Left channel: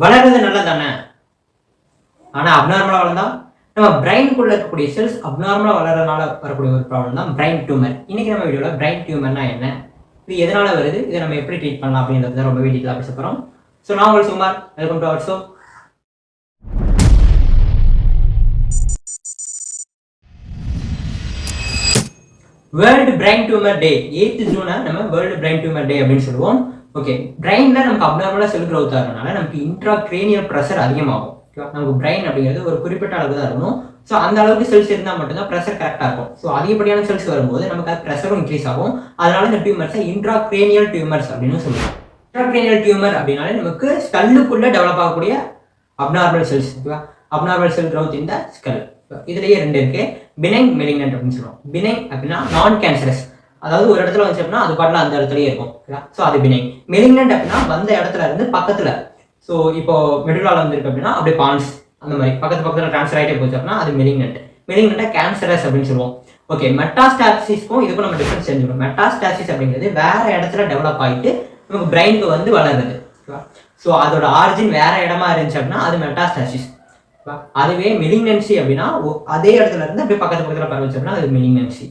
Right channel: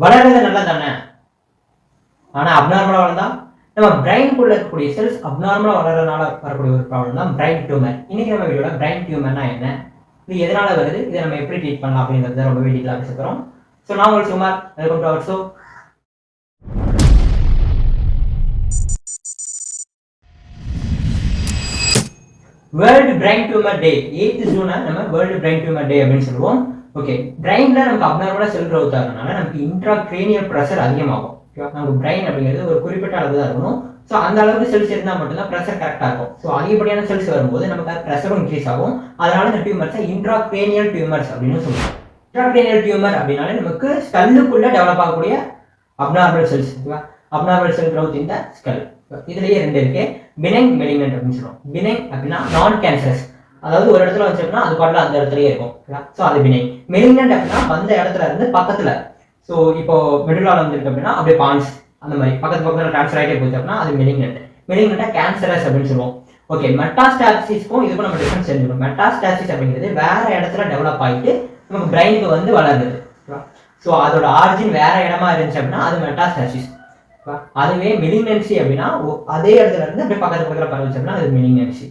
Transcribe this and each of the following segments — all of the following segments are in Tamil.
வளர்றது நல்லது தானே. ஆனால் அப்நார்மலாக வளர்ந்தா நம்ம பிரெயினுக்குள்ள இருக்கக்கூடிய செல்ஸ் அப்நார்மலாக வளர்றதுனால வரக்கூடிய ஒரு ப்ராப்ளம் தான் பிரெயின் டியூமர். இன்னைக்கு நம்ம வீடியோவில் பிரெயின் டியூமர்னா என்ன, இது எதனால வருது, இதை நம்ம எப்படி ட்ரீட் பண்ணலாம் அப்படின்றத ரொம்ப டீட்டெயிலாக பேச போகிறோம். ஸோ நான் உங்களுக்கு சுமார் welcome to our show. World brain tumour day 8th ஜூனை நம்ம வேர்ல்டு பிரெயின் டியூமர் டே அப்படின்னு சொல்லுவோம். ஓகே, பிரெயினில் நமக்கு அப்நார்மலாக செல் க்ரோத் ஆகிறதுனால நமக்கு இன்ட்ராக்ரேனியல் ப்ரெஷர் அதிகமாகும். நமக்கு பிரெயின் அப்படிங்கிறது ஒரு குறிப்பிட்ட அளவு தான் இருக்கணும். ஸோ அந்த அளவுக்கு செல்ஸ் இருந்தால் மட்டும்தான் ப்ரெஷர் கரெக்டாக இருக்கும். ஸோ அதிகப்படியான செல்ஸ் வரும்போது நமக்கு அது ப்ரெஷரும் இன்க்ரீஸ் ஆகும். அதனால இந்த டியூமர்ஸை இன்ட்ராக்ரேனியல் டியூமர்ஸ் அப்படின்னு சொல்லுவோம். இன்ட்ராக்ரேனியல் டியூமர் அப்படின்னாலே நமக்கு ஸ்கல்லுக்குள்ளே டெவலப் ஆகக்கூடிய abnormal cells. Abnormal cell growth இந்த ஸ்கல். இதுலேயே ரெண்டு இருக்கு, பினைன், மெலிக்னன்ட் அப்படின்னு சொல்லுவோம். பினைன் அப்படின்னா நான் கேன்சரஸ், அதாவது ஒரு இடத்துல வச்சு அப்படின்னா அது பாட்டில் அந்த இடத்துலயே இருக்கும். ஸோ அது பினைன். மெலிக்னன்ட் அப்படின்னா வந்த இடத்துல இருந்து பக்கத்தில், ஸோ இப்போ மெடுலால வந்துருக்கு அப்படின்னா அப்படியே பான்ஸ் அந்த மாதிரி பக்கத்தில் ட்ரான்ஸ்ஃபர் ஆகிட்டே போச்சு அப்படின்னா அது மெலிக்னன்ட். மெலிக்னன்ட்டை கேன்சரஸ் அப்படின்னு சொல்லுவோம். ஓகே, மெட்டாஸ்டாசிஸ்க்கும் இதுக்கும் நம்ம டிஃபரன்ஸ் தெரிஞ்சுக்கணும். மெட்டாஸ்டாசிஸ் அப்படிங்கிறது வேற இடத்துல டெவலப் ஆகிட்டு நமக்கு பிரெயினுக்கு வந்து வளருது. ஸோ அதோட ஆரிஜின் வேற இடமா இருந்துச்சு அப்படின்னா அது மெட்டாஸ்டாசிஸ். அதுவே மெலிக்னன்சி அப்படின்னா அதே இடத்துல இருந்து அப்படியே பக்கத்துல பரவச்சுன்னா அது மெலிக்னன்சி.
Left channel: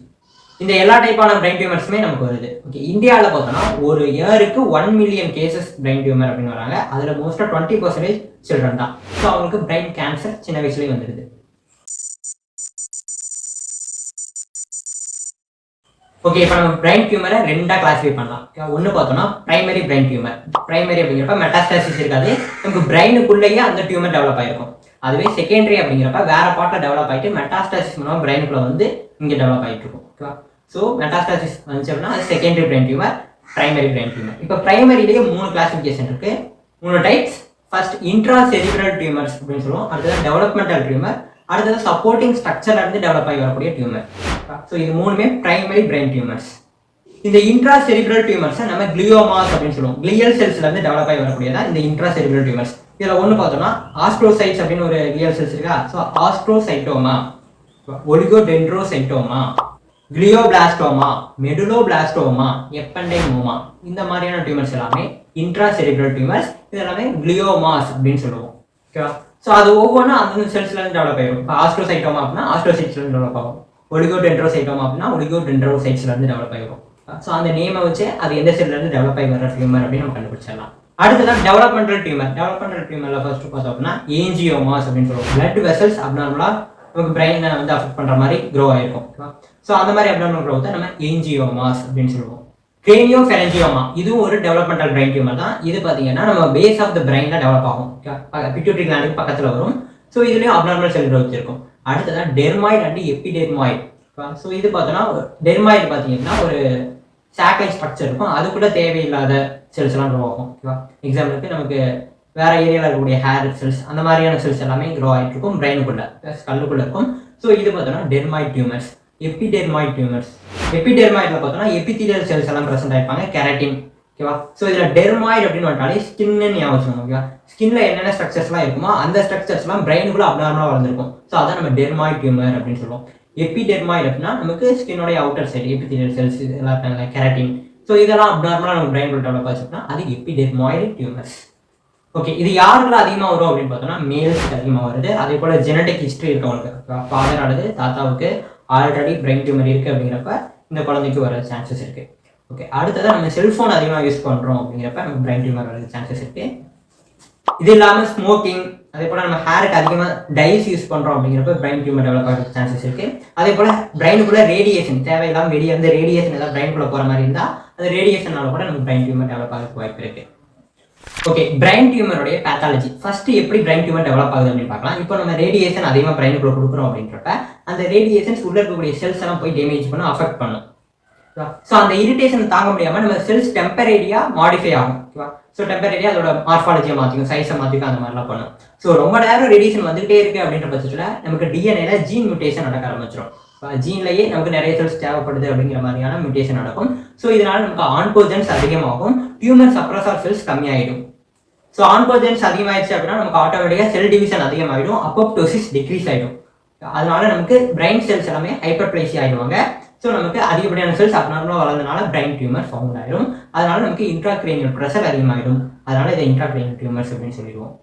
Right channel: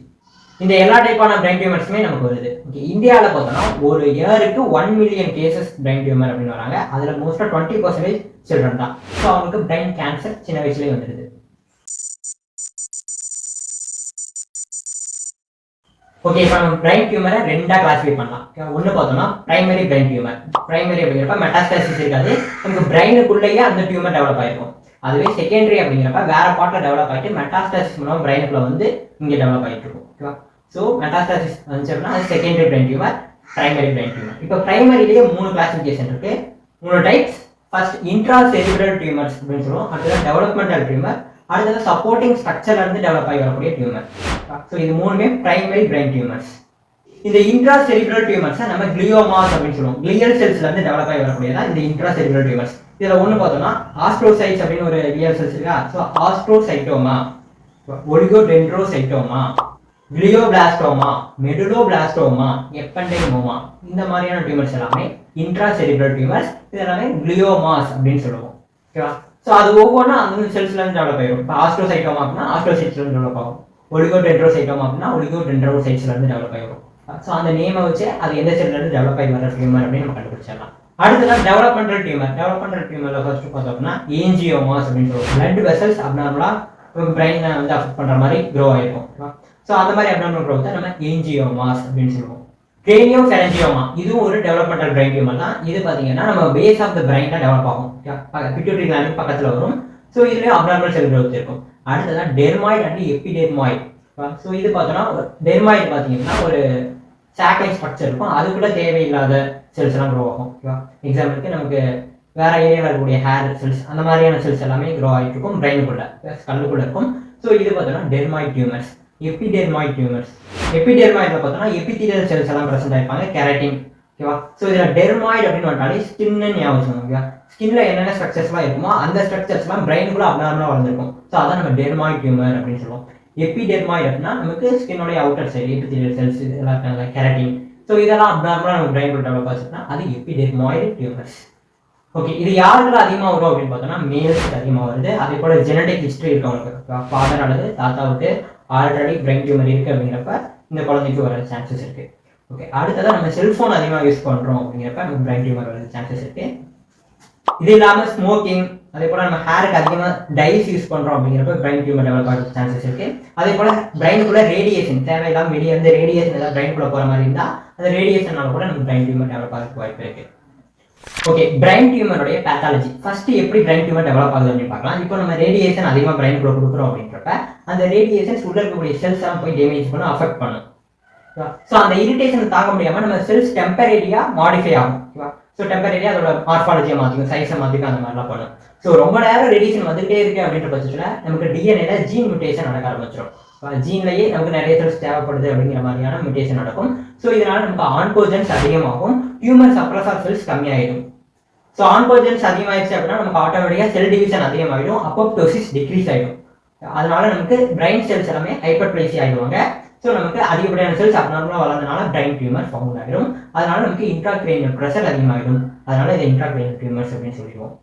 இந்த எல்லா டைப்பான பிரெயின் டியூமர்ஸுமே நமக்கு வருது. ஓகே, இந்தியாவில் பார்த்தோம்னா ஒரு இயருக்கு 1 மில்லியன் கேசஸ் பிரெயின் டியூமர் அப்படின்னு வராங்க. அதில் மோஸ்ட்டாக 20% சில்ட்ரன் தான். ஸோ அவங்களுக்கு பிரெயின் கேன்சர் சின்ன வயசுலேயே வந்துடுது. ஓகே, இப்போ நம்ம பிரெயின் டியூமரை ரெண்டாக கிளாஸிஃபை பண்ணலாம். ஒன்று பார்த்தோம்னா பிரைமரி பிரெயின் டியூமர். பிரைமரி அப்படிங்கிறப்ப மெட்டாஸ்டாசிஸ் இருக்காது, நமக்கு பிரெயினுக்குள்ளேயே அந்த டியூமர் டெவலப் ஆயிருக்கும். அதுவே செகண்டரி அப்படிங்கிறப்ப வேற பார்ட்டில் டெவலப் ஆகிட்டு மெட்டாஸ்டாசிஸ் மூலம் பிரெயினுக்குள்ள வந்து இங்கே டெவலப் ஆகிட்டு இருக்கும். ஓகேவா? ஸோ மெட்டாஸ்டாசிஸ் வந்துச்சு அப்படின்னா அது secondary brain tumour, primary brain tumour. இப்போ பிரைமரியிலேயே 3 கிளாசிஃபிகேஷன் இருக்கு, 3 types. First intra cerebral tumours அப்படின்னு சொல்லுவோம். அடுத்தது டெவலப்மெண்டல் டியூமர், அடுத்தது சப்போர்ட்டிங் ஸ்ட்ரக்சர்ல இருந்து டெவலப் ஆகி வரக்கூடிய டியூமர். ஸோ இது மூணுமே பிரைமரி பிரெயின் டியூமர்ஸ். இந்த இன்ட்ரா செரிப்ரல் டியூமர்ஸை நம்ம கிளியோமாஸ் அப்படின்னு சொல்லுவோம். கிளியல் செல்ஸ்ல இருந்து டெவலப் ஆகி வரக்கூடியதான் இந்த இன்ட்ரா செரிப்ரல் டியூமர்ஸ். இதில் ஒன்று பார்த்தோம்னா ஆஸ்ட்ரோசைட்ஸ் அப்படின்னு ஒரு கிளியல் செல்ஸ் இருக்கா. ஸோ ஆஸ்ட்ரோசைட்டோமா, ஒலிகோடென்ட்ரோசைட்டோமா, கிளியோபிளாஸ்டோமா, மெடுலோபிளாஸ்டோமா, எப்பெண்டைமோமா, இந்த மாதிரியான டியூமர்ஸ் எல்லாமே இன்ட்ரா செரிப்ரல் டியூமர்ஸ். இது எல்லாமே கிளியோமாஸ் அப்படின்னு சொல்லுவோம். ஓகேவா? ஸோ அது ஒவ்வொன்றும் அந்த செல்ஸ்ல இருந்து டெவலப் ஆகிடும். இப்போ ஆஸ்ட்ரோசைட்டோமா அப்படின்னா ஆஸ்ட்ரோசைட்ஸ்ல இருந்து டெவலப் ஆகும். ஒலிகோடென்ட்ரோசைட்டோமா அப்படின்னா ஒலிகோடென்ட்ரோசைட்ஸ்ல இருந்து டெவலப் ஆகிடும். ஸோ அந்த நேமை வச்சு அது எந்த செல்ல இருந்து டெவலப் ஆகி வர டியூமர் அப்படின்னு நம்ம கண்டுபிடிச்சிடலாம். அடுத்ததான் டெவலப்மெண்டல் டியூமர். டெவலப்மெண்டல் டியூமர்ல ஃபர்ஸ்ட் பார்த்தோம் அப்படின்னா ஏஞ்சியோமாஸ் அப்படின்னு சொல்லுவோம். பிளட் வெசல்ஸ் அப்நார்மலா நமக்கு பிரெயினை வந்து அஃபெக்ட் பண்ற மாதிரி க்ரோ ஆயிருக்கும். ஸோ அந்த மாதிரி அப்நார்மல் க்ரோத்தை நம்ம ஏஞ்சியோமாஸ் அப்படின்னு சொல்லுவோம். கிரேனியோஃபெரஞ்சியோமா இதுவும் ஒரு டெவலப்மெண்டல் பிரெயின் டியூமர் தான். இது பார்த்தீங்கன்னா நம்ம பேஸ் ஆஃப் த பிரெயின்ல டெவலப் ஆகும். பிட்யூட்டரி கிளாண்டுக்கு பக்கத்தில் வரும். ஸோ இதுலேயும் அப்நார்மல் செல் க்ரோத் இருக்கும். அடுத்ததான் டெர்மாய்டு அண்ட் எபிடெர்மாய்டு. ஸோ இது பார்த்தோன்னா டெர்மாய்டு பார்த்தீங்கன்னா ஒரு சாக்லைட் ஸ்ட்ரக்சர் இருக்கும், அதுக்குள்ள தேவையில்லாத செல்ஸ் எல்லாம் க்ரோ ஆகும். ஓகேவா? எக்ஸாம்பிளுக்கு நமக்கு வேற ஏரியாவில் இருக்கக்கூடிய ஹேர் செல்ஸ் அந்த மாதிரியான செல்ஸ் எல்லாமே க்ரோ ஆகிட்டு இருக்கும் பிரெயினுக்குள்ள, ஸ்கல்லுக்குள்ள இருக்கும். ஸோ இது பார்த்தோன்னா டெர்மாய்டு டியூமர்ஸ். Epidermoid tumours. எபிடெர்மாய்டுல பார்த்தோன்னா எபிதீலியல் செல்ஸ் எல்லாம் ப்ரெசென்ட் ஆயிருப்பாங்க, கெராட்டின். ஓகேவா? ஸோ இதில் டெர்மாய்டு அப்படின்னு வந்துட்டாலே ஸ்கின்னு ஞாபகம். ஓகேவா? ஸ்கின்ல என்னென்ன ஸ்ட்ரக்சர்ஸ்லாம் இருக்குமோ அந்த ஸ்ட்ரக்சர்ஸ்லாம் பிரெயினுக்குள்ள அப்நார்மலாக வளர்ந்துருக்கும். ஸோ அதான் நம்ம டெர்மாய்டு டியூமர் அப்படின்னு சொல்லுவோம். எபிடெர்மாய்டு அப்படின்னா நமக்கு ஸ்கின்னோடைய அவுட்டர் சைடு எபிதீலியல் செல்ஸ் இதெல்லாம் இருக்காங்க, கெராட்டின். ஸோ இதெல்லாம் அப்நார்மலாக நம்ம பிரெயின் டெவலப் ஆச்சுன்னா அது எபிடெர்மாய்டு டியூமர்ஸ். ஓகே, இது யாருக்குள்ள அதிகமாக வரும் அப்படின்னு பார்த்தோம்னா மேல்ஸ்க்கு அதிகமாக வருது. அதே போல ஜெனடிக் ஹிஸ்ட்ரி இருக்கவங்களுக்கு, ஃபாதர் அல்லது தாத்தாவுக்கு ஆல்ரெடி பிரெயின் டியூமர் இருக்குது அப்படிங்கிறப்ப இந்த குழந்தைக்கு வர சான்சஸ் இருக்குது. ஓகே, அடுத்ததான் நம்ம செல்ஃபோன் அதிகமாக யூஸ் பண்ணுறோம் அப்படிங்கிறப்ப நம்ம பிரெயின் டியூமர் வர சான்சஸ் இருக்குது. இது இல்லாமல் ஸ்மோக்கிங், அதே போல் நம்ம ஹேருக்கு அதிகமாக டைஸ் யூஸ் பண்ணுறோம் அப்படிங்கிறப்ப பிரெயின் டியூமர் டெவலப் ஆகிற சான்சஸ் இருக்குது. அதே போல் பிரெயினுக்குள்ள ரேடியேஷன் தேவையில்லாமல் வெளியே இருந்து ரேடியேஷன் ஏதாவது பிரெயினுக்குள்ள போகிற மாதிரி இருந்தால் அந்த ரேடியேஷனால கூட நம்ம பிரெயின் டியூமர் டெவலப் ஆகிறதுக்கு வாய்ப்பு இருக்குது. ஓகே, பிரெயின் டியூமருடைய பேத்தாலஜி ஃபர்ஸ்ட் எப்படி பிரெயின் டியூமர் டெவலப் ஆகுது அப்படின்னு பார்க்கலாம். இப்போ நம்ம ரேடியேஷன் அதிகமாக பிரெயினுக்குள்ள கொடுக்குறோம் அப்படின்றப்ப அந்த ரேடியேஷன்ஸ் உள்ள இருக்கக்கூடிய செல்ஸ் எல்லாம் போய் டேமேஜ் பண்ணும், அஃபெக்ட் பண்ணும். ஸோ அந்த இரிட்டேஷன் தாங்க முடியாமல் நம்ம செல்ஸ் டெம்பரரியாக மாடிஃபை ஆகும். ஓகேவா? ஸோ டெம்பரரியாக அதோட மார்ஃபாலஜியை மாற்றிக்கும், சைஸை மாற்றிக்கும், அந்த மாதிரிலாம் பண்ணும். ஸோ ரொம்ப நேரம் ரேடியேஷன் வந்துகிட்டே இருக்கு அப்படின்ற பட்சத்தில் நமக்கு டிஎன்ஏல ஜீன் மியூட்டேஷன் நடக்க ஆரம்பிச்சிடும். ஜீன்லேயே நமக்கு நிறைய செல்ஸ் தேவைப்படுது அப்படிங்கிற மாதிரியான மியூட்டேஷன் நடக்கும். ஸோ இதனால நமக்கு ஆன்கோஜன்ஸ் அதிகமாகும், டியூமர் சப்ரஸர் செல்ஸ் கம்மியாயிடும். ஸோ ஆன்கோஜன்ஸ் அதிகமாகிடுச்சு அப்படின்னா நமக்கு ஆட்டோமேட்டிக்காக செல் டிவிஷன் அதிகமாகிடும், அப்போப்டோசிஸ் டிக்ரீஸ் ஆகிடும். அதனால நமக்கு பிரெயின் செல்ஸ் எல்லாமே ஹைப்பர்பிளேசி ஆகிடுவாங்க. ஸோ நமக்கு அதிகப்படியான செல்ஸ் அப்நார்மலாக வளர்ந்தனால பிரெயின் டியூமர் ஃபார்ம் ஆகிடும். அதனால நமக்கு இன்ட்ராக்ரேனியல் ப்ரெஷர் அதிகமாகிடும். அதனால இதை இன்ட்ராக்ரேனியல் டியூமர்ஸ் அப்படின்னு சொல்லிடுவோம்.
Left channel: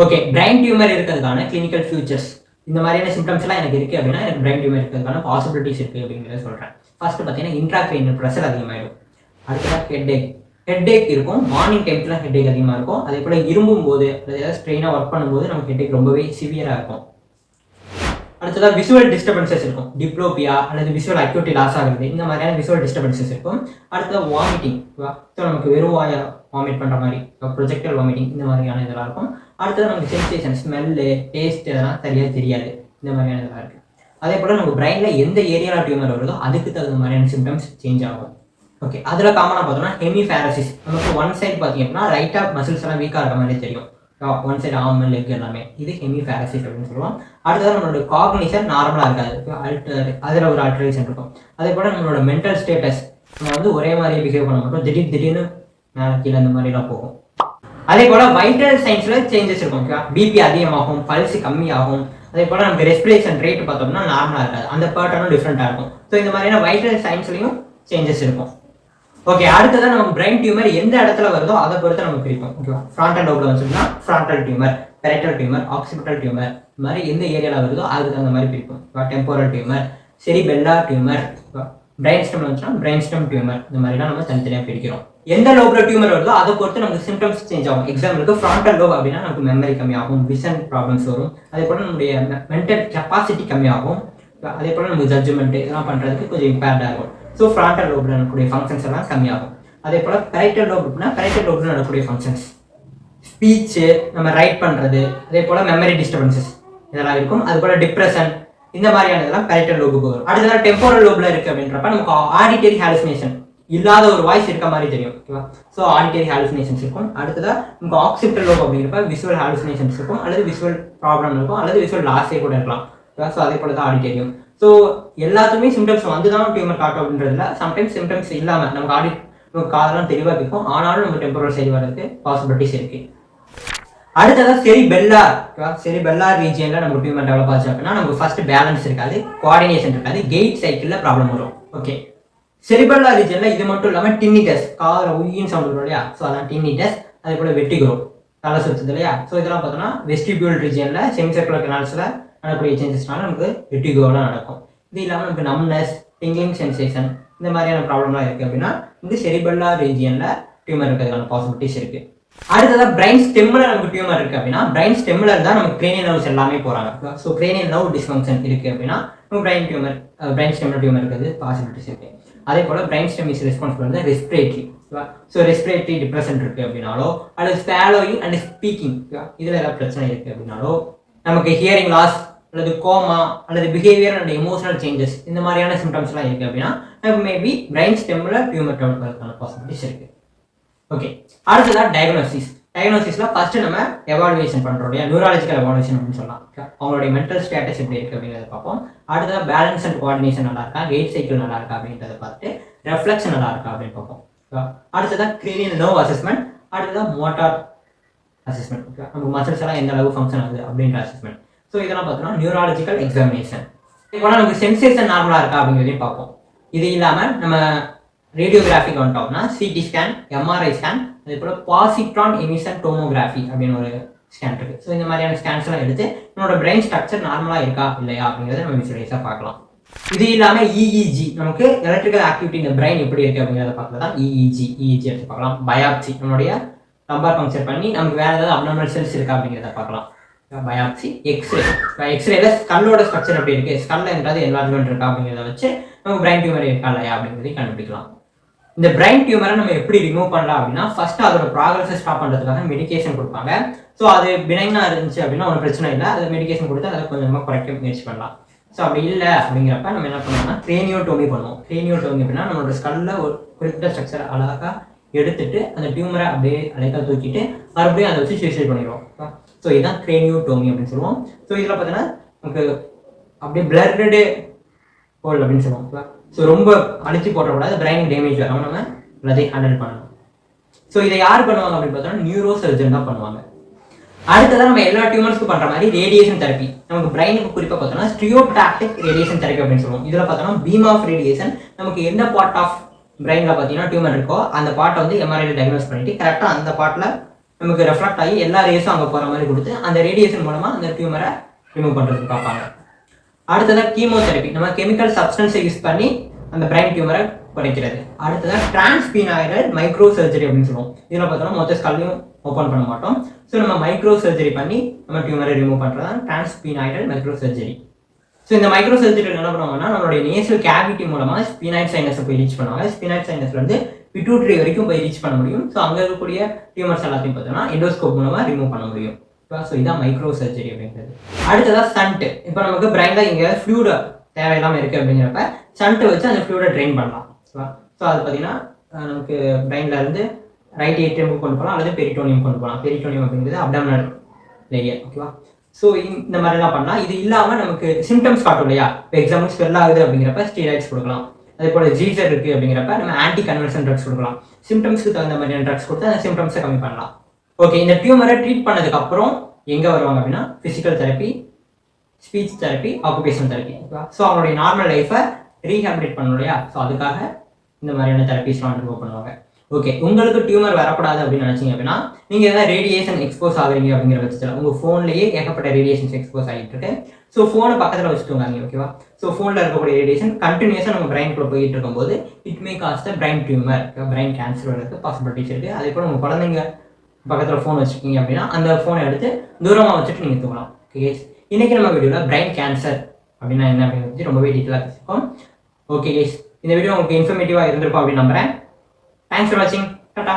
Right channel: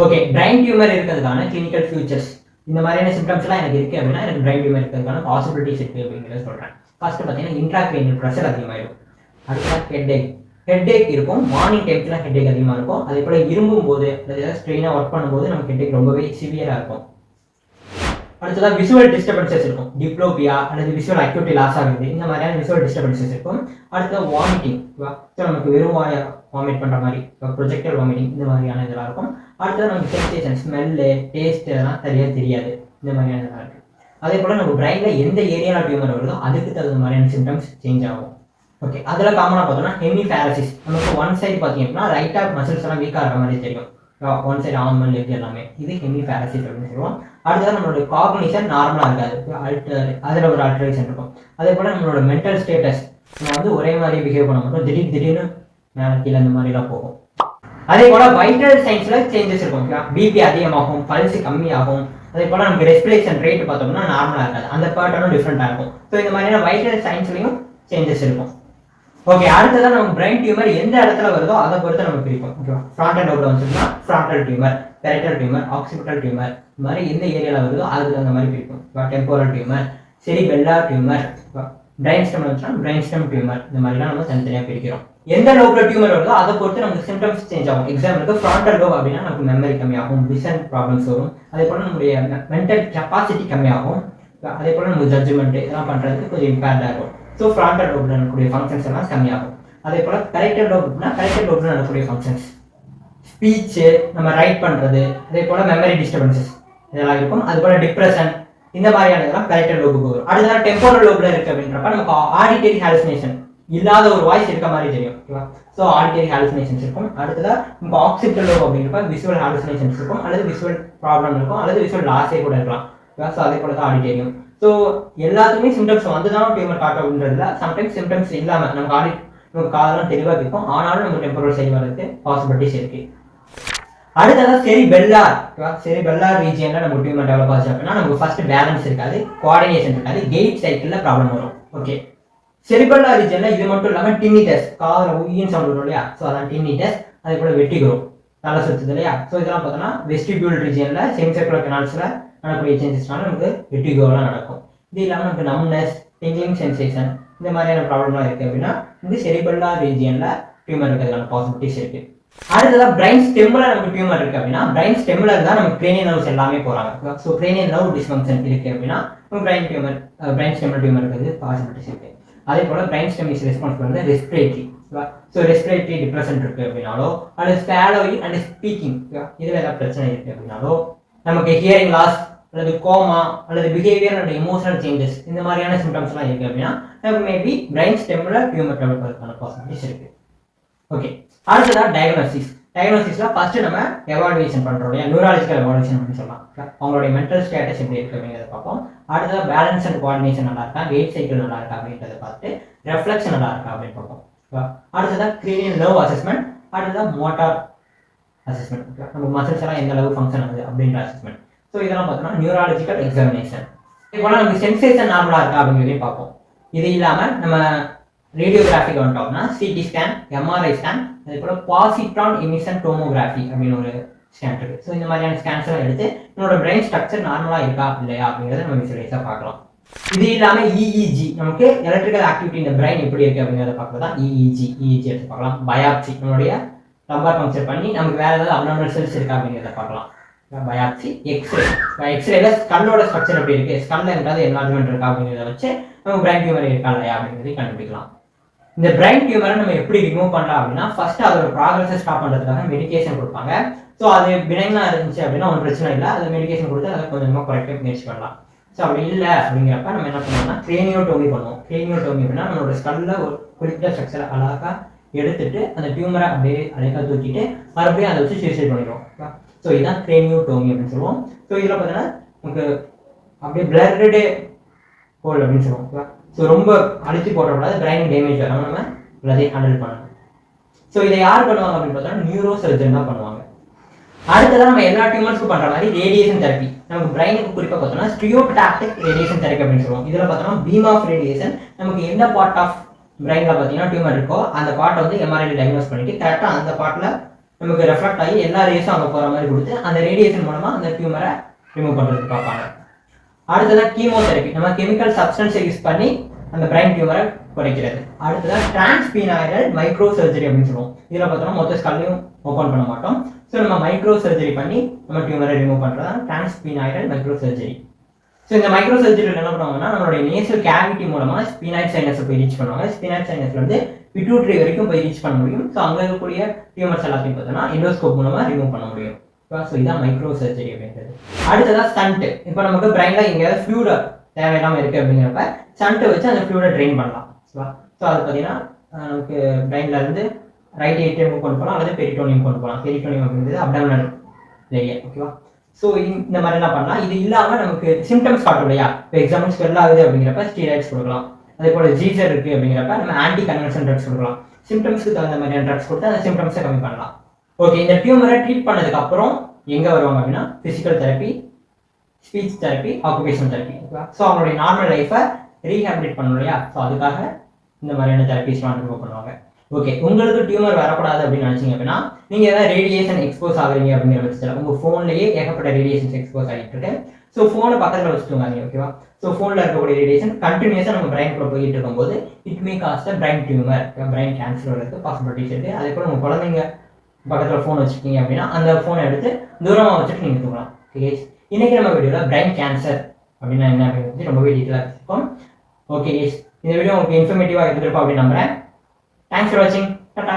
ஓகே, பிரைன் டியூமர் இருக்கிறதுக்கான கிளினிக்கல் ஃபியூச்சர்ஸ் இந்த மாதிரியான சிம்டம்ஸ்லாம் எனக்கு இருக்குது அப்படின்னா எனக்கு பிரைன் டியூமர் இருக்கிறதுக்கான பாசிபிலிட்டிஸ் இருக்குது அப்படிங்கிறத சொல்கிறேன். ஃபர்ஸ்ட் பார்த்தீங்கன்னா இன்ட்ராக்ரைனியல் ப்ரெஷர் அதிகமாகிடும். அடுத்த ஹெட்டேக் இருக்கும். மார்னிங் டைம்ஸ்லாம் ஹெட்டேக் அதிகமாக இருக்கும். அதே போல் இரும்பும் போது அல்லது ஏதாவது ஸ்ட்ரெயினாக ஒர்க் பண்ணும்போது நமக்கு ஹெட்டேக் ரொம்பவே சிவியராக இருக்கும். அடுத்ததாக விஷுவல் டிஸ்டர்பன்சஸ் இருக்கும். டிப்ளோபியா அல்லது விஷுவல் அக்யூட்டி லாஸ் ஆகுது, இந்த மாதிரியான விஷுவல் டிஸ்டர்பன்சஸ் இருக்கும். அடுத்தது வாமிட்டிங். ஸோ நமக்கு வெறும் வாமிட் பண்ணுற மாதிரி ப்ரொஜெக்டல் வாமிட்டிங் இந்த மாதிரியான இதெல்லாம் இருக்கும். அடுத்தது நமக்கு சென்சேஷன், ஸ்மெல்லு, டேஸ்ட் இதெல்லாம் சரியாக தெரியாது, இந்த மாதிரியான இதெல்லாம் இருக்குது. அதே போல் நம்ம பிரெயினில் எந்த ஏரியாவில் டியூமர் வருதோ அதுக்கு தகுந்த மாதிரியான சிம்டம்ஸ் சேஞ்ச் ஆகும். ஓகே, அதில் காமனாக பார்த்தோம்னா ஹெமிஃபேரசிஸ். நமக்கு ஒன் சைடு பார்த்தீங்கன்னா ரைட்டாக மசில்ஸ் எல்லாம் வீக்காக இருக்கிற மாதிரி தெரியும். ஒன் சைடு ஆர்ம் லெக் எல்லாமே, இது ஹெமிஃபேரசிஸ் அப்படின்னு சொல்லுவோம். அடுத்தது நம்மளோட காக்னிஷன் நார்மலாக இருக்காது, அதில் ஒரு ஆல்டரேஷன் இருக்கும். அதே போல் நம்மளோட மென்டல் ஸ்டேட்டஸ் நம்ம வந்து ஒரே மாதிரி பிஹேவ் பண்ண மாட்டோம், திடீர்னு மேலே கீழே இந்த மாதிரிலாம் போகும். அதே போல் வைட்டல் சைன்ஸில் சேஞ்சஸ் இருக்கும். பிபி அதிகமாகும், பல்ஸ் கம்மியாகும். அதே போல் நமக்கு ரெஸ்பிரேஷன் ரேட் பார்த்தோம்னா நார்மலாக இருக்காது, அந்த பேட்டர்னும் டிஃப்ரெண்ட்டாக இருக்கும். ஸோ இந்த மாதிரியான வைட்டல் சைன்ஸ்லையும் சேஞ்சஸ் இருக்கும். ஓகே, அடுத்ததான் நம்ம பிரைன் டியூமர் எந்த இடத்துல வருதோ அதை பொறுத்து நம்ம பிரிக்கும். ஓகேவா, ஃப்ராண்டல் லோப்ல வந்துச்சுன்னா frontal tumour, parietal tumour, occipital tumour, இந்த மாதிரி எந்த ஏரியாவில் வருதோ அதுக்கு தகுந்த மாதிரி பிரிக்கும். Temporal tumour, cerebellar tumour, brain stem வந்துச்சுன்னா பிரைன் ஸ்டெம் டியூமர், இந்த மாதிரிலாம் நம்ம தனித்தனியாக பிரிக்கிறோம். எந்த லோப்ல டியூமர் வருதோ அதை பொறுத்து நமக்கு சிம்டம்ஸ் சேஞ்ச் ஆகும். எக்ஸாம்பிளுக்கு ஃப்ராண்டல் லோப் அப்படின்னா நமக்கு மெமரி கம்மியாகும், விஷன் ப்ராப்ளம்ஸ் வரும். அதே போல் நம்முடைய மென்டல் கெப்பாசிட்டி கம்மியாகும். அதே போல் நமக்கு ஜட்ஜ்மெண்ட் இதெல்லாம் பண்ணுறதுக்கு கொஞ்சம் இம்பேக்டாக இருக்கும். ஸோ ஃப்ராண்டல் லோப்ல நடக்கக்கூடிய ஃபங்க்ஷன்ஸ் எல்லாம் கம்மியாகும். அதே போல் பெரிட்டல் லோப் அப்படின்னா பெரிட்டல் லோப்ல நடக்கக்கூடிய ஃபங்க்ஷன்ஸ், ஸ்பீச்சு, நம்ம ரைட் பண்ணுறது, அதே போல் மெமரி டிஸ்டர்பன்சஸ் இதெல்லாம் இருக்கும். அது போல் டிப்ரெஷன், இந்த மாதிரியானதெல்லாம் பெரிட்டல் லோபுக்கு வரும். அடுத்தது டெம்போரல் லோப்ல இருக்குது அப்படின்றப்ப நமக்கு ஆடிட்டரி ஹாலுசினேஷன், இல்லாத ஒரு வாய்ஸ் இருக்க மாதிரி தெரியும். ஓகேவா, ஸோ ஆடிட்டரி ஹாலுசினேஷன்ஸ் இருக்கும். அடுத்ததாக நமக்கு ஆக்சிபிட்டல் லோப் அப்படிங்கிறப்ப விஷுவல் ஹாலுசினேஷன்ஸ் இருக்கும், அல்லது விஷுவல் ப்ராப்ளம் இருக்கும், அல்லது விஷுவல் லாஸே கூட இருக்கலாம். ஸோ அதே போல தான் ஆடிட்டரியும். ஸோ எல்லாத்துக்குமே சிம்டம்ஸ் வந்து தான் டியூமர் காட்டும் அப்படின்றதுல சம்டைம்ஸ் சிம்டம்ஸ் இல்லாமல் நமக்கு காதெல்லாம் தெளிவாக இருக்கும், ஆனாலும் நம்ம டெம்பரல் சைடு வரதுக்கு பாசிபிலிட்டிஸ் இருக்கு. அடுத்ததாக செரிபெல்லார் ரீஜியனில் நம்ம டியூமர் டெவலப் ஆச்சு அப்படின்னா நமக்கு ஃபர்ஸ்ட் பேலன்ஸ் இருக்காது, கோஆர்டினேஷன் இருக்காது, கெயிட் சைக்கிளில் ப்ராப்ளம் வரும். ஓகே, செரிபெல்லார் ரீஜியனில் இது மட்டும் இல்லாமல் டின்னிட்டஸ், காதில் உயின்னு சவுண்ட் வரும் இல்லையா, ஸோ அதான் டின்னிட்டஸ். அதே போல் வெட்டிகோ, தலை சுற்றுது இல்லையா, ஸோ இதெல்லாம் பார்த்தோன்னா வெஸ்டிபியூல் ரீஜியனில் செமிசர்குலர் கனால்ஸில் நடக்கக்கூடிய சேஞ்சஸ்னால நமக்கு வெட்டிகோலாம் நடக்கும். இது இல்லாமல் நமக்கு நம்னஸ், டிங்கிங் சென்சேஷன், இந்த மாதிரியான ப்ராப்ளம்லாம் இருக்குது அப்படின்னா இந்த செரிபெல்லார் ரீஜியனில் டியூமர் இருக்கிறதுக்கான பாசிபிலிட்டிஸ் இருக்குது. அடுத்ததாக பிரைன் ஸ்டெம்மில் நமக்கு டியூமர் இருக்குது அப்படின்னா பிரைன் ஸ்டெம்மில் இருந்தால் நமக்கு கிரேனியல் நர்வ்ஸ் எல்லாமே போகிறாங்க. ஸோ கிரேனியல் நர்வ் டிஸ்ஃபங்க்ஷன் இருக்குது அப்படின்னா நம்ம பிரைன் ஸ்டெம்மில் டியூமர் இருக்கிறது பாசிபிலிட்டிஸ் இருக்குது. அதே போல் பிரைன் ஸ்டெம் இஸ் ரெஸ்பான்சிபிள் வந்து ரெஸ்பிரேட்டரி. ஸோ ரெஸ்பிரேட்டரி டிப்ரெஷன் இருக்குது அப்படின்னாலோ, அல்லது ஸ்பாலோயிங் அண்ட் ஸ்பீக்கிங் இதில் ஏதாவது பிரச்சனை இருக்குது அப்படின்னாலோ, நமக்கு ஹியரிங் லாஸ் அல்லது கோமா அல்லது பிஹேவியர் அண்ட் எமோஷனல் சேஞ்சஸ் இந்த மாதிரியான சிம்டம்ஸ்லாம் இருக்குது அப்படின்னா நமக்கு மேபி பிரைன் ஸ்டெம்மில் டியூமர் டெவலப் ஆகிறதுக்கான பாசிபிலிட்டிஸ் இருக்குது. ஓகே, அடுத்ததாக டயக்னோசிஸில் ஃபஸ்ட்டு நம்ம எவாலுவேஷன் பண்ணுறோம் இல்லையா, நியூராலஜிக்கல் எவாலுவேஷன் அப்படின்னு சொல்லலாம். அவங்களுடைய மென்டல் ஸ்டேட்டஸ் எப்படி இருக்குது அப்படிங்கிறத பார்ப்போம். அடுத்ததாக பேலன்ஸ் அண்ட் கோஆர்டினேஷன் நல்லா இருக்கா, வெயிட் சைக்கிள் நல்லா இருக்கா அப்படின்றத பார்த்துட்டு ரெஃப்ளெக்ஷன் நல்லா இருக்கா அப்படின்னு பார்ப்போம். அடுத்ததாக கிரேனியல் நர்வ் அசஸ்மெண்ட், அடுத்ததாக மோட்டார் அசஸ்மெண்ட், நம்ம மசில்ஸ் எல்லாம் எந்த அளவு ஃபங்க்ஷன் ஆகுது அப்படின்ற அசஸ்மெண்ட். ஸோ இதெல்லாம் பார்த்தோம்னா நியூராலஜிக்கல் எக்ஸாமினேஷன். இதே நமக்கு சென்சேஷன் நார்மலாக இருக்கா அப்படிங்கிறதையும் பார்ப்போம். இது இல்லாமல் நம்ம ரேடியோகிராஃபிக் வந்துட்டோம்னா சிடி ஸ்கேன், எம்ஆர்ஐ ஸ்கேன், அதே போல் பாசிட்ரான் எமிஷன் டோமோகிராஃபி அப்படின்னு ஒரு ஸ்கேன் இருக்குது. ஸோ இந்த மாதிரியான ஸ்கேன்ஸ் எல்லாம் எடுத்து நம்மளோட பிரெயின் ஸ்ட்ரக்சர் நார்மலாக இருக்கா இல்லையா அப்படிங்கிறத நம்ம விசுவலைஸாக பார்க்கலாம். இது இல்லாமல் இஇஜி, நமக்கு எலக்ட்ரிக்கல் ஆக்டிவிட்டி இந்த பிரெயின் எப்படி இருக்குது அப்படிங்கிறத பார்க்கறது தான் இஇஜி எடுத்து பார்க்கலாம். பயாப்சி, நம்மளுடைய லம்பார் பங்க்சர் பண்ணி நமக்கு வேறு ஏதாவது அப்நார்மல் செல்ஸ் இருக்கா அப்படிங்கிறத பார்க்கலாம். பயாப்சி, எக்ஸ்ரேல ஸ்கல்லோட ஸ்ட்ரக்சர் எப்படி இருக்குது, ஸ்கல்ல என்றது என்லார்ஜ்மெண்ட் இருக்கா அப்படிங்கிறத வச்சு நம்ம பிரைன் டியூமர் இருக்கா இல்லையா அப்படிங்கிறதையும் கண்டுபிடிக்கலாம். இந்த பிரைன் டியூமரை நம்ம எப்படி ரிமூவ் பண்ணலாம் அப்படின்னா ஃபர்ஸ்ட் அதோட ப்ராக்ரஸை ஸ்டாப் பண்ணுறதுக்காக மெடிகேஷன் கொடுப்பாங்க. ஸோ அது பினைனாக இருந்துச்சு அப்படின்னா ஒரு பிரச்சனை இல்லை, அது மெடிகேஷன் கொடுத்து அதை கொஞ்சமாக குறைக்க முயற்சி பண்ணலாம். ஸோ அப்படி இல்லை அப்படிங்கிறப்ப நம்ம என்ன பண்ணோம்னா கிரேனியோடோமி பண்ணுவோம். கிரேனியோடோமி அப்படின்னா நம்மளோட ஸ்கல்ல ஒரு குறிப்பிட்ட ஸ்ட்ரக்சரை அழகாக எடுத்துட்டு அந்த டியூமரை அப்படியே அழகாக தூக்கிட்டு மறுபடியும் அதை வச்சு சூசைட் பண்ணிடுவோம். ஸோ இதுதான் கிரேனியோடோமி அப்படின்னு சொல்லுவோம். ஸோ இதில் பார்த்தீங்கன்னா நமக்கு அப்படியே பிளர்டு ஹோல் அப்படின்னு சொல்லுவோம். ஸோ ரொம்ப அழிச்சு போட்டோம்னா பிரெயின் டேமேஜ் வராமல் நம்ம எல்லாத்தையும் ஹேண்டில் பண்ணணும். ஸோ இதை யார் பண்ணுவாங்க அப்படின்னு பார்த்தோம்னா நியூரோ சர்ஜன் தான் பண்ணுவாங்க. அடுத்ததான் நம்ம எல்லா டியூமர்ஸ்க்கும் பண்ணுற மாதிரி ரேடியேஷன் தெரப்பி, நமக்கு பிரெயினுக்கு குறிப்பாக பார்த்தோம்னா ஸ்டிரியோடாக்டிக் ரேடியேஷன் தெரப்பி அப்படின்னு சொல்லுவோம். இதில் பார்த்தோம்னா பீம் ஆஃப் ரேடியேஷன், நமக்கு எந்த பார்ட் ஆஃப் பிரெயினில் பார்த்தீங்கன்னா டியூமர் இருக்கோ அந்த பார்ட்டை வந்து எம்ஆர்ஐல டயக்னோஸ் பண்ணிட்டு கரெக்டாக அந்த பார்ட்டில் நமக்கு ரெஃப்ளெக்ட் ஆகி எல்லா ரேஸும் அங்கே போகிற மாதிரி கொடுத்து அந்த ரேடியேஷன் மூலமாக அந்த டியூமரை ரிமூவ் பண்ணுறதுக்கு பார்ப்பாங்க. அடுத்ததாக கீமோதெரப்பி, நம்ம கெமிக்கல் சப்ஸ்டன்ஸை யூஸ் பண்ணி அந்த பிரைன் டியூமரை குறைக்கிறது. அடுத்ததாக டிரான்ஸ்பீனாய்டல் மைக்ரோ சர்ஜரி அப்படின்னு சொல்லுவோம். இதில் பார்த்தோம்னா மொத்த ஸ்கல்லையும் ஓப்பன் பண்ண மாட்டோம். ஸோ நம்ம மைக்ரோ சர்ஜரி பண்ணி நம்ம டியூமரை ரிமூவ் பண்ணுறது தான் டிரான்ஸ்பீனாய்டல் மைக்ரோ சர்ஜரி. ஸோ இந்த மைக்ரோ சர்ஜரியில் என்ன பண்ணுவாங்கன்னா நம்மளுடைய நேசல் கேவிட்டி மூலமாக ஸ்பினாய்ட் சைனஸை போய் ரீச் பண்ணுவாங்க. ஸ்பினாய்ட் சைனஸ்ல இருந்து பிட்யூட்டரி வரைக்கும் போய் ரீச் பண்ண முடியும். ஸோ அங்கே இருக்கக்கூடிய டியூமர்ஸ் எல்லாத்தையும் பார்த்தோம்னா எண்டோஸ்கோப் மூலமாக ரிமூவ் பண்ண முடியும். ஸோ இதுதான் மைக்ரோ சர்ஜரி அப்படின்றது. அடுத்ததாக ஸ்டண்ட். இப்போ நமக்கு பிரைனில் எங்கேயாவது ஃப்ளூட தேவையில்லாமல் இருக்குது அப்படிங்கிறப்ப ஸ்டண்ட்டை வச்சு அந்த ஃப்ளூடை ட்ரெயின் பண்ணலாம். ஸோ அது பார்த்தீங்கன்னா நமக்கு பிரைனில் இருந்து ரைட் ஏட்ரியம் கொண்டு போகலாம் அல்லது பெரிட்டோனியம் கொண்டு போகலாம். பெரிட்டோனியம் அப்படிங்கிறது அப்டாமினல் ஏரியா. ஓகேவா? ஸோ இந்த மாதிரிலாம் பண்ணலாம். இது இல்லாமல் நமக்கு சிம்டம்ஸ் காட்டும் இல்லையா? இப்போ எக்ஸாம்பிள் ஸ்வெல் ஆகுது அப்படிங்கிறப்ப ஸ்டீராய்ட்ஸ் கொடுக்கலாம். அதே போல் ஜீசர் இருக்குது அப்படிங்கிறப்ப நம்ம ஆன்டி கன்வர்ஷன் ட்ரக்ஸ் கொடுக்கலாம். சிம்டம்ஸ்க்கு தகுந்த மாதிரியான ட்ரக்ஸ் கொடுத்து அந்த சிம்டம்ஸை கம்மி பண்ணலாம். ஓகே, இந்த டியூமரை ட்ரீட் பண்ணதுக்கப்புறம் எங்கே வருவாங்க அப்படின்னா physical therapy, speech therapy, occupational therapy. ஓகேவா? ஸோ அவங்களுடைய நார்மல் லைஃப்பை ரீஹாபிலிட் பண்ணணும் இல்லையா? ஸோ அதுக்காக இந்த மாதிரியான தெரப்பிஸ்லாம் ரிமூவ் பண்ணுவாங்க. ஓகே, உங்களுக்கு டியூமர் வரக்கூடாது அப்படின்னு நினச்சிங்க அப்படின்னா நீங்கள் எதாவது ரேடியேஷன் எக்ஸ்போஸ் ஆகுறீங்க அப்படிங்கிற பட்சத்தில் உங்கள் ஃபோன்லேயே ஏகப்பட்ட ரேடியேஷன்ஸ் எக்ஸ்போஸ் ஆகிட்டு இருக்கு. ஸோ ஃபோனை பக்கத்தில் வச்சுட்டுவாங்க. ஓகேவா? ஸோ ஃபோனில் இருக்கக்கூடிய ரேடியேஷன் கண்டினியூஸாக நம்ம பிரைன்குள்ளே போயிட்டு இருக்கும்போது it may cause brain tumour, brain cancer வரதுக்கு பாசிபிலிட்டிஸ் இருக்குது. அதே போல் உங்கள் குழந்தைங்க பக்கத்தில் ஃபோன் வச்சுருக்கீங்க அப்படின்னா அந்த ஃபோனை எடுத்து தூரமாக வச்சுட்டு நீங்கள் தூங்கலாம். ஓகே, இன்றைக்கி நம்ம வீடியோவில் பிரைன் கேன்சர் அப்படின்னா என்ன அப்படின்னு ரொம்பவே டீட்டெயிலாக வச்சுருக்கோம். ஓகே, இந்த வீடியோ உங்களுக்கு இன்ஃபர்மேட்டிவாக இருந்திருக்கும் அப்படின்னு நம்புகிறேன். தேங்க்ஸ் ஃபார் வாட்சிங். டாடா.